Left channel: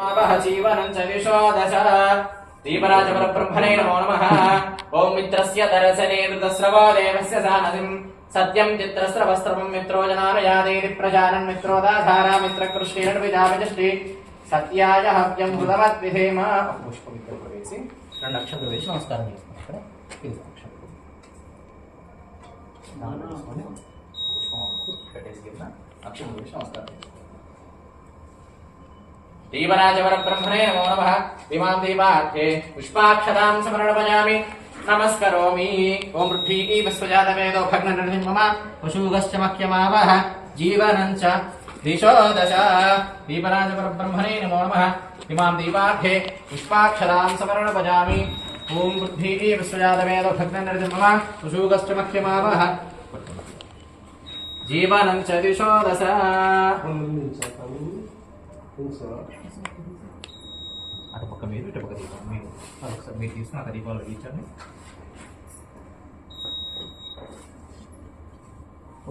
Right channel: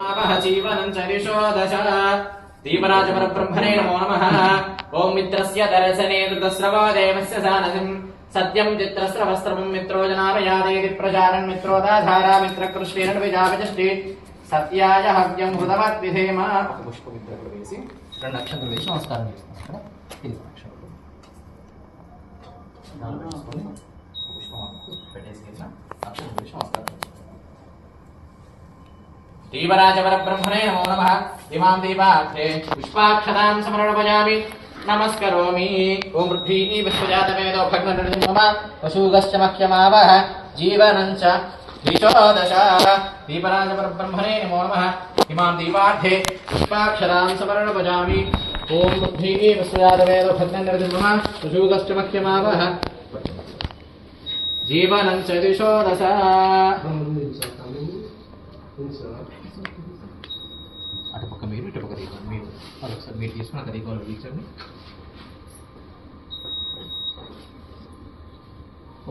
जीवनं च दिशो दश दीपराजपरब्रह्मणे नमो नमः। ओं मित्रस्य दर्शने कृतस्रवो देवस्य सानसिं सत्यं चित्रस्रवस्त्रं मित्रो जनामयादेति प्रजानन् मित्रोदाधारा मित्रकृष्णिरन्विजापजष्टि सत्याय हव्यं हृतमद्विधेम। पुष्पविद्रप्रवेशि రెండు అక్షంతలు వేసి నమస్కారం చేస్తాం. ఇక్కడ ఇది అక్షంతలు పుష్పం పెట్టేసి కింద అక్షంతలు వేసి నమస్కారం చేస్తాం. दीपराजपरब्रह्मणे नमो नमः। इमां दीपार्थे पुष्पाक्षतां समर्पयामि नमस्करोमि। ओं पृथ्वी विश्वजातवेदो भग्ननिर्जिमम पशुगश्च मह्यमावः जीवनं च दिशो दश। दीपराजपरब्रह्मणे नमो नमः। इमां दीपार्थे पुष्पाक्षतां समर्पयामि। ओं पृथ्वी विश्वजातवेदो भग्ननिर्जिमम पशुगश्च मह्यमावः जीवनं च दिशो दश। అటుపక్క మీరు ఇటుపక్క దీపం మీరు ఒకసారి మీరు తీసుకుని అక్కడ దీపాలు వెలిగించండి.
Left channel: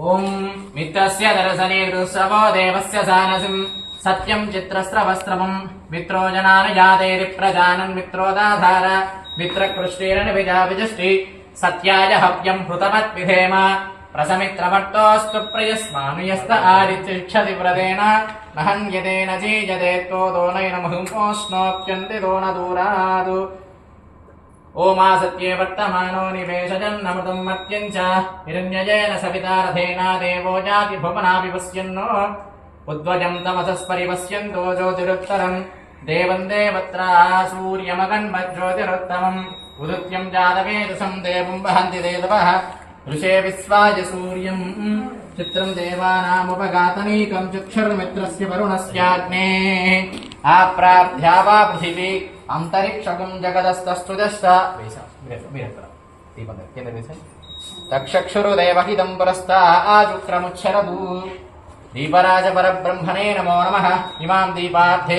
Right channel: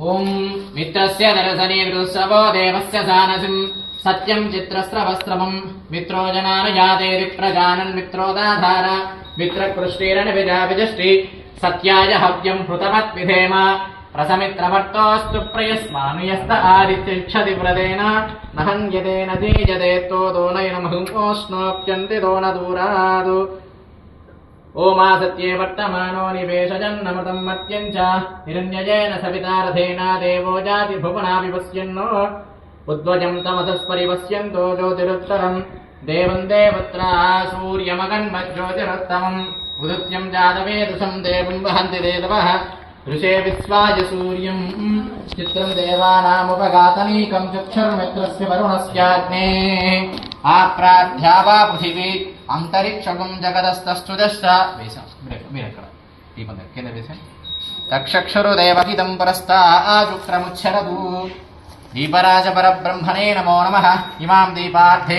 ఓం మిత్రస్య దర్శనే విదుస్సవో దేవస్య సానసిం సత్యం చిత్రస్రవస్త్రమం మిత్రో జనానుజాతేరి ప్రజానన్ మిత్రోదాధార మిత్రకృష్ణేరని విజావిజష్టి సత్యాయ హవ్యం హృతమత్ విధేమ ప్రసమిత్రవర్తోస్తు ప్రయస్మానుయస్త ఆదిత్యక్షతి వ్రతేన నహన్యతేన చీజతే తోనైనమహుమోష్ణోప్యంతి దోన దూరాదు. ఓమా సత్యే వర్తమానో నివేశజన్నమృతం మత్యం చ హిరణ్యయేన సవితారథేన దేవో జాతి భువనాపి పశ్యన్నో ఉద్వజం తమసస్పరిపశ్యంతో జ్యోతిరుత్తరం దేవం దేవత్ర సూర్యమగన్మజ్యోతిరుత్తమం ఉదిత్యం జాతవేదసం దేవం వహంతి దేవః ఋషే విశ్వాయ సూర్యం చిత్రం దేవానాముపగాతనీకం చక్షుర్మిత్రస్య వరుణస్యాగ్నే ఆప్రార్థ్యా వా పృథివీ అంతరిక్షకం జగదస్తస్తుజశ్చ వేసాం. మీరు ఎక్కడ దీపం కింద వేసాం. తక్షక్షురు దేవహితం పురస్తాచుక్రముచ్చరదు. దీపరాజ పరబ్రహ్మణే నమో నమః. ఇమాం దీపార్థే